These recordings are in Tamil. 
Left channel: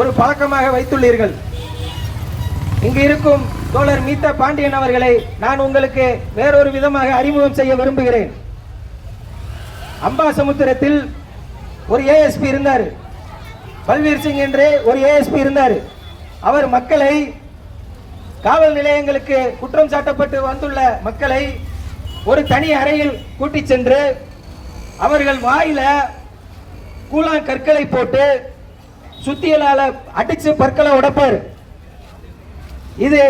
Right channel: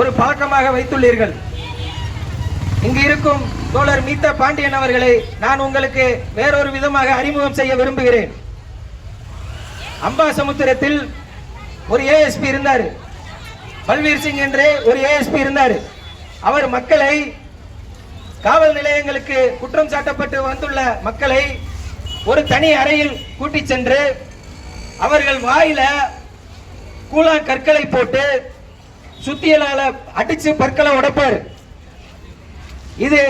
ஒரு பழக்கமாக வைத்துள்ளீர்கள். இங்கு இருக்கும் தோழர் மீத்தா பாண்டியன் அவர்களை நான் உங்களுக்கு வேறொரு விதமாக அறிமுகம் செய்ய விரும்புகிறேன். அம்பாசமுத்திரத்தில் ஒரு ஏஎஸ்பி இருந்தார். பல்வீர் சிங் என்று ஒரு ஏஎஸ்பி இருந்தார். அவர் மக்களை காவல் நிலையங்களுக்கு குற்றம் சாட்டப்பட்டு வந்துள்ள மக்களை ஒரு தனி அறையில் கூட்டிச் சென்று அவர்கள் வாயில கூழா கற்களை போட்டு சுத்தியலால அடிச்சு பற்களை உடைப்பார். இது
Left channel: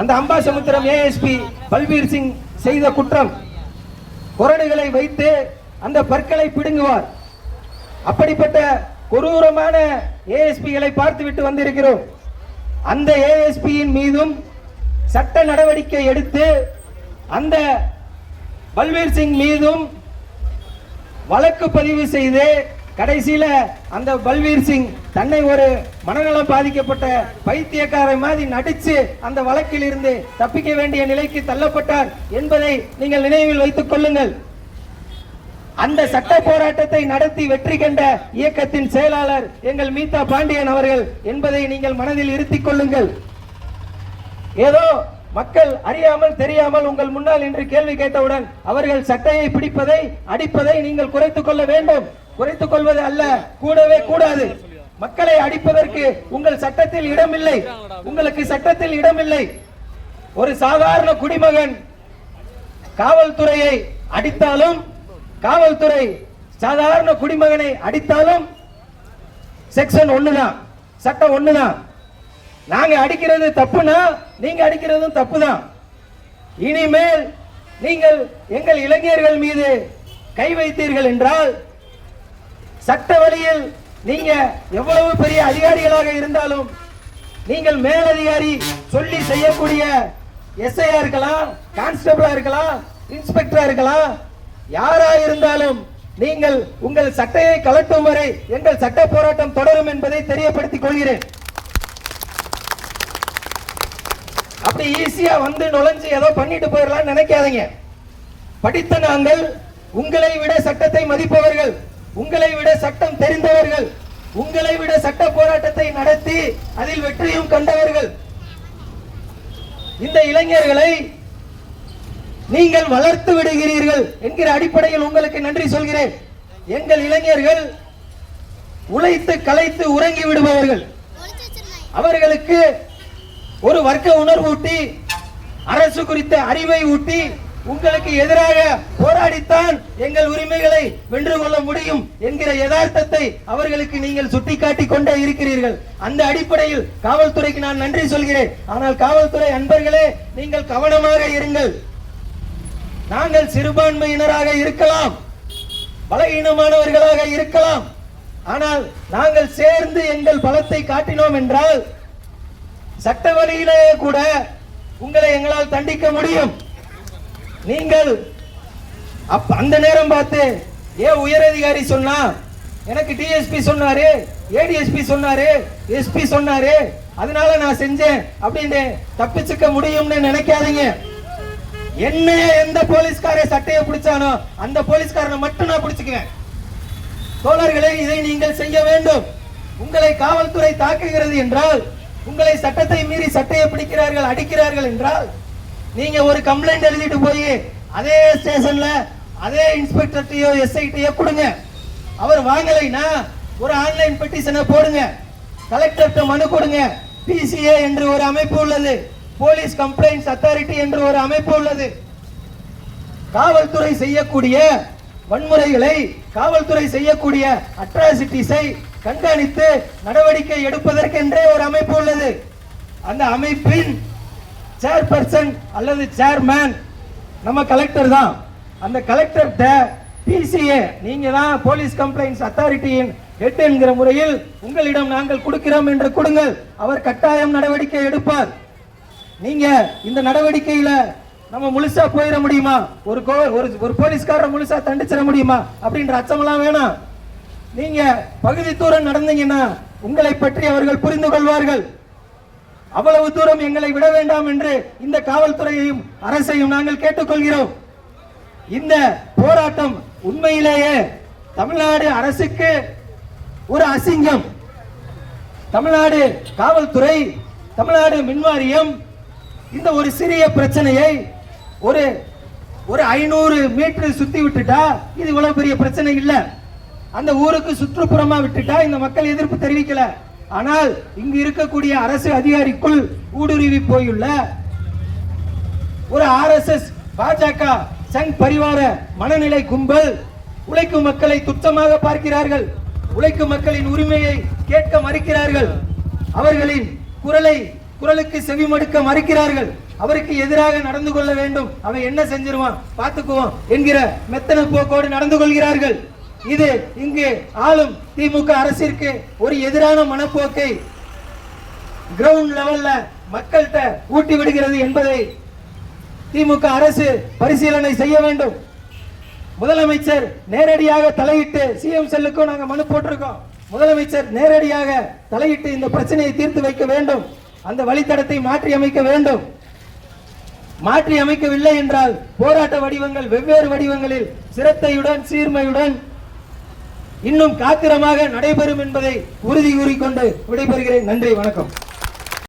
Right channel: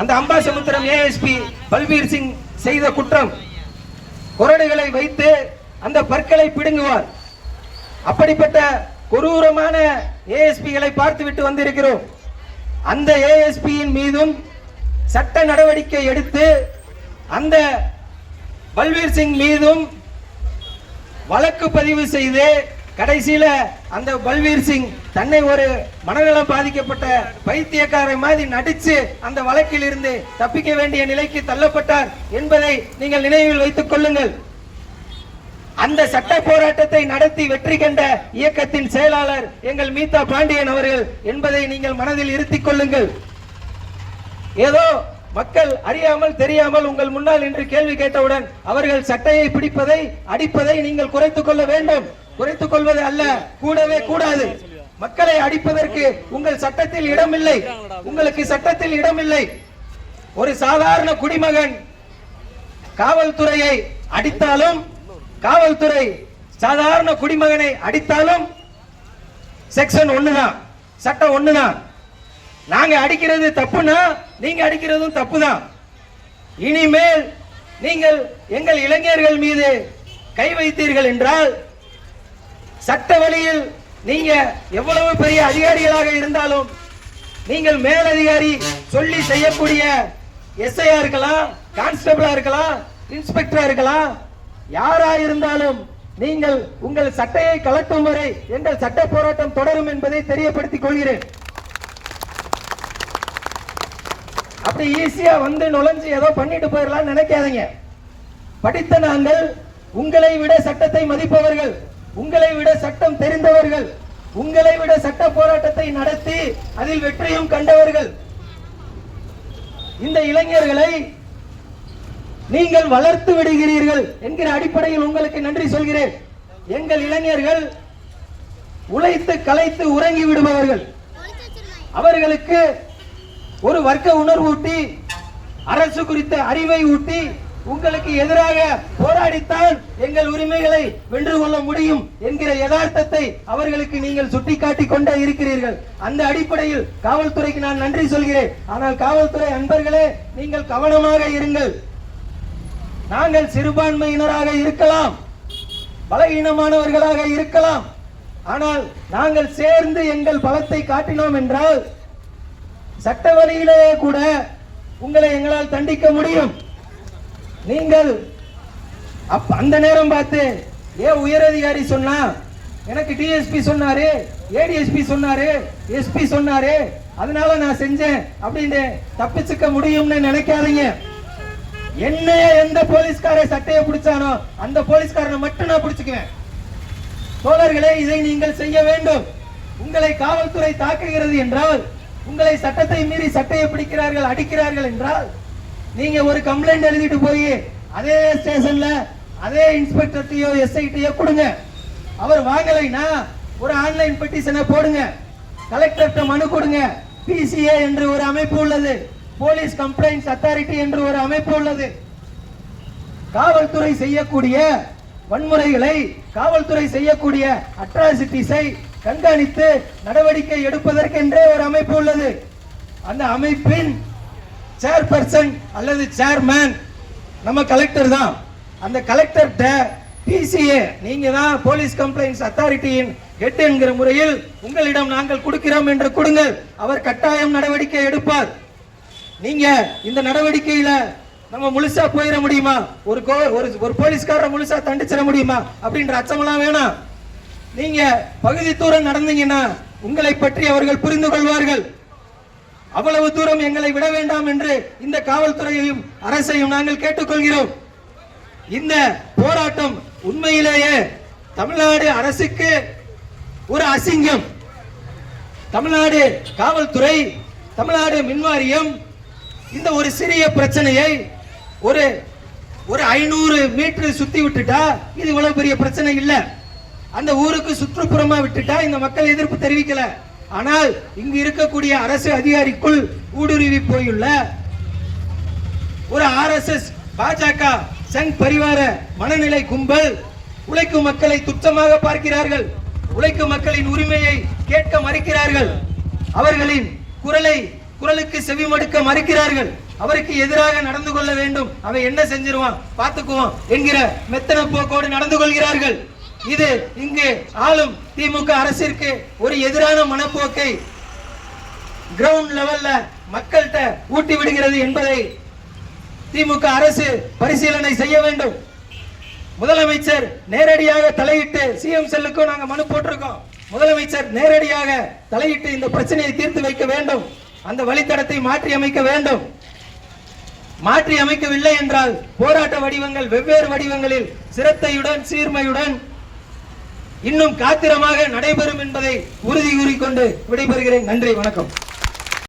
அந்த அம்பாசமுத்திரம் ஏஎஸ்பி பல்பீர் சிங் செய்த குற்றம். குரடுகளை வைத்து அந்த பற்களை பிடுங்குவார். அப்படிப்பட்ட கொடூரமான ஏஎஸ்பிகளை பார்த்துவிட்டு வந்திருக்கிறோம். அந்த ஏஎஸ்பியின் மீதும் சட்ட நடவடிக்கை எடுத்து அந்த பல்வீர் சிங் மீதும் வழக்கு பதிவு செய்து கடைசியில அந்த பல்வீர் சிங் தன்னை ஒரு மனநலம் பாதிக்கப்பட்ட பைத்தியக்காரை மாதிரி நடிச்சு அந்த வழக்கில் இருந்து தப்பிக்க வேண்டிய நிலைக்கு தள்ளப்பட்டார் என்பதை நீங்கள் நினைவில் வைத்துக் கொள்ளுங்கள். அந்த சட்ட போராட்டத்தை நடத்தி வெற்றி கண்ட இயக்கத்தின் செயலாளர் எங்கள் மீதா பாண்டியன் அவர்கள் என்பதை நீங்கள் மனதில் இருத்திக் கொள்ளுங்கள். ஏதோ மக்கள் அறியாமல் தெரியாமல் உங்கள் முன்னால் இன்று கேள்வி கேட்டவுடன் அவர்கள் சட்டையை பிடிப்பதை அடிப்பதை நீங்கள் குறைத்துக் கொள்ள வேண்டும். குறைத்துக் கொள்வது அல்ல கூடவே கூடாது. மக்களை அடிப்பதற்கு உங்கள் சட்டத்தில் இடமில்லை. உங்களுக்கு சட்டத்தில் இடமில்லை. ஒரு சாதாரண குடிமகன் காவல்துறையை அடித்தாலும் காவல்துறை சாதாரண குடிமகனை அடித்தாலும் செக்ஷன் ஒண்ணுதான் சட்டம் ஒண்ணுதான். நாங்க அடிக்கிறது தப்புனா நீங்க அடிக்கிறதும் தப்புதான். இனிமேல் நீங்கள் எங்கள் இளைஞர்கள் மீது கை வைத்தீர்கள் என்றால் சட்ட வழியில் நீங்க எவ்வளவு பெரிய அதிகாரிகளாக இருந்தாலும் நீங்கள் மேலதிகாரி சொல்லி செய்யக்கூடிய எஸ்ஐயா இருக்கலாம் கான்ஸ்டபிளா இருக்கலாம் இன்ஸ்பெக்டரா இருக்கலாம் யாரா இருந்தாலும் நீங்கள் உங்கள் சட்டையை கலட்டும் வரை எங்கள் சட்ட போராட்டம் தொடரும் என்பதை தெரியப்படுத்திக் கொள்கிறேன். அப்படி ஈஸியா வந்து நுழைஞ்சு ஏதோ பண்ணிட்டு போயிடலாம் நினைக்காதீங்க. படித்த நாங்கள் உங்களை விட சட்டத்தை மதிப்பவர்கள். உங்களை விட சட்டம் தெரிந்தவர்கள் உங்களை விட சட்ட போராட்டத்தை நடத்தி அதில் வெற்றியும் கண்டவர்கள். இந்த இளைஞர்களை நீங்கள் வளர்த்து விடுகிறீர்கள் என்கிற அடிப்படையில் உங்களுக்கு நன்றி சொல்கிறேன். எங்கள் இளைஞர்கள் உழைத்து கலைத்து உறங்கி விடுபவர்கள். அவர்களுக்கு ஒரு வர்க்க உணர்வு ஊட்டி அரசு குறித்த அறிவை ஊட்டி உங்களுக்கு எதிராக போராடித்தான் எங்கள் உரிமைகளை வென்று கொள்ள முடியும் என்கிற யதார்த்தத்தை அவர்களுக்கு நீங்கள் சுட்டிக்காட்டி கொண்டே இருக்கிறீர்கள். அந்த அடிப்படையில் காவல்துறைக்கு நான் நன்றி சொல்கிறேன். ஆனால் காவல்துறை அன்பர்களே நீங்கள் கவனமாக இருங்கள். நாங்கள் சிறுபான்மையினராக இருக்கலாம். பலகீனமானவர்களாக இருக்கலாம். ஆனால் நாங்கள் சேர்ந்து எங்கள் பலத்தை காட்டினோம் என்றால் சட்ட வழியிலேயே கூட உங்களை எங்களால் தண்டிக்க முடியும். நீங்கள் அப்ப அந்த நேரம் பார்த்து ஏ உயரதிகாரி சொன்னா எனக்கு டிஎஸ்பி சொன்னாரு ஏடிஎஸ்பி சொன்னாரு எஸ்பி சொன்னாரு அதனால நான் செஞ்சேன் அப்படின்னு தப்பிச்சுக்க முடியும்னு நினைக்காதீங்க. என்ன எந்த போலீஸ்கார சட்டையை பிடிச்சானோ அந்த போலீஸ்காரனை மட்டும் நான் பிடிச்சுக்குவேன். தோழர்களே இதை நீங்கள் செய்ய வேண்டும். உங்களை காவல்துறை தாக்குகிறது என்றால் உங்களை சட்டத்தை மீறி சட்டையை பிடிக்கிறார்கள் அடிக்கிறார்கள் என்றால் நீங்க ஒரு கம்ப்ளைண்ட் எழுதிட்டு போய் அதே ஸ்டேஷன்ல அதே இன்ஸ்பெக்டர்ட்டையோ எஸ்ஐட்டையோ கொடுங்க. அவர் வாங்கலைன்னா ஒரு ஆன்லைன் பெட்டிஷனை போடுங்க. கலெக்டர்கிட்ட மனு கொடுங்க. பிசிஏ என்று ஒரு அமைப்பு உள்ளது. போலீஸ் கம்ப்ளைண்ட்ஸ் அத்தாரிட்டி என்று ஒரு அமைப்பு உள்ளது. காவல்துறை செய்யக்கூடிய வன்முறைகளை காவல்துறை செய்யக்கூடிய அட்ராசிட்டிஸை கண்காணித்து நடவடிக்கை எடுப்பதற்கென்றே ஒரு அமைப்பு உள்ளது. அந்த அமைப்பின் சேர்பர்சன் அல்லது சேர்மேன் நம்ம கலெக்டர் தான். அந்த கலெக்டர் பிசிஏ நீங்க தான் போலீஸ் கம்ப்ளைண்ட்ஸ் அத்தாரிட்டியின் ஹெட் என்கிற முறையில் உங்களிடம் நாங்கள் கொடுக்கிறோம் என்று கொடுங்கள். அவர் கட்டாயம் நடவடிக்கை எடுப்பார். நீங்க இந்த நடவடிக்கையில நம்ம முழுசா போயிட முடியுமா? ஒரு கோ- ஒரு ஒரு போலீஸ்காரரை முழுசா தண்டிச்சிட முடியுமா? அப்படின்ற அச்சமெல்லாம் வேணாம். நீங்க பகுதி தூரம் நடந்தீங்கன்னா உங்களை பற்றி அவர்கள் புரிந்து கொள்வார்கள். அவ்வளவு தூரம் எங்களை விட வேண்டாம் என்று இந்த காவல்துறையையும் அரசையும் நாங்கள் கேட்டுக்கொள்கிறோம். இந்த போராட்டம் உண்மையிலேயே தமிழ்நாடு அரசுக்கு ஒரு அசிங்கம். தமிழ்நாடு காவல்துறை தமிழ்நாடு மின்வாரியம் இந்த ஒரு சிறிய பிரச்சனையை ஒரு ஒரு ஐநூறு மீட்டர் சுத்தி விட்டுட்டா இது இவ்வளவு பெரிய பிரச்சனை இல்லை. அந்த ஊருக்கு சுற்றுப்புறமா விட்டுட்டா இந்த மக்கள் எதிர்ப்பு தெரிவிக்கல. ஆனால் இங்கு இருக்கக்கூடிய அரசு அதிகாரிக்குள் ஊடுருவி போயுள்ள ஒரு ஆர்எஸ்எஸ் பாஜக சங் பரிவார மனநிலை கும்பல். உழைக்கும் மக்களை துச்சமாக பார்க்கிறார்கள். உழைக்கும் மக்களின் உரிமையை கேட்க மறுக்கிறார்கள். அவர்களின் குரலை குரலுக்கு செவிமடுக்க மறுக்கிறார்கள். அவருக்கு எதிராக நடந்து கொள்ள வேண்டும். அவன் என்ன செஞ்சிருவான்? பார்த்துக்குவோம் என்கிற மெத்தன போக்கோடு நடந்து கொள்கிறார்கள். இது இங்கு ஆளும் திமுக அரசிற்கு ஒரு எதிரான மனப்போக்கை. கிரவுண்ட் லெவல்ல மக்கள்கிட்ட ஊட்டி விடுகிறது என்பதை திமுக அரசு பரிசீலனை செய்ய வேண்டும். முதலமைச்சர் நேரடியாக தலையிட்டு சிஎம் செல்லுக்கும் நாங்கள் மனு போட்டிருக்கோம். முதலமைச்சர் நேரடியாக தலையிட்டு இந்த பிரச்சனையை தீர்த்து வைக்க வேண்டும். அந்த வழித்தடத்தை மாற்றி அமைக்க வேண்டும். மாற்றி அமைக்கவில்லை என்றால் போராட்ட வடிவங்கள் வெவ்வேறு வடிவங்களில் சிரத்தையுடன் சீர்மையுடன் இன்னும் காத்திரமாக நடைபெறும் என்பதை உறுதி கூறிக்கொண்டு விடைபெறுகிறேன். நன்றி வணக்கம்.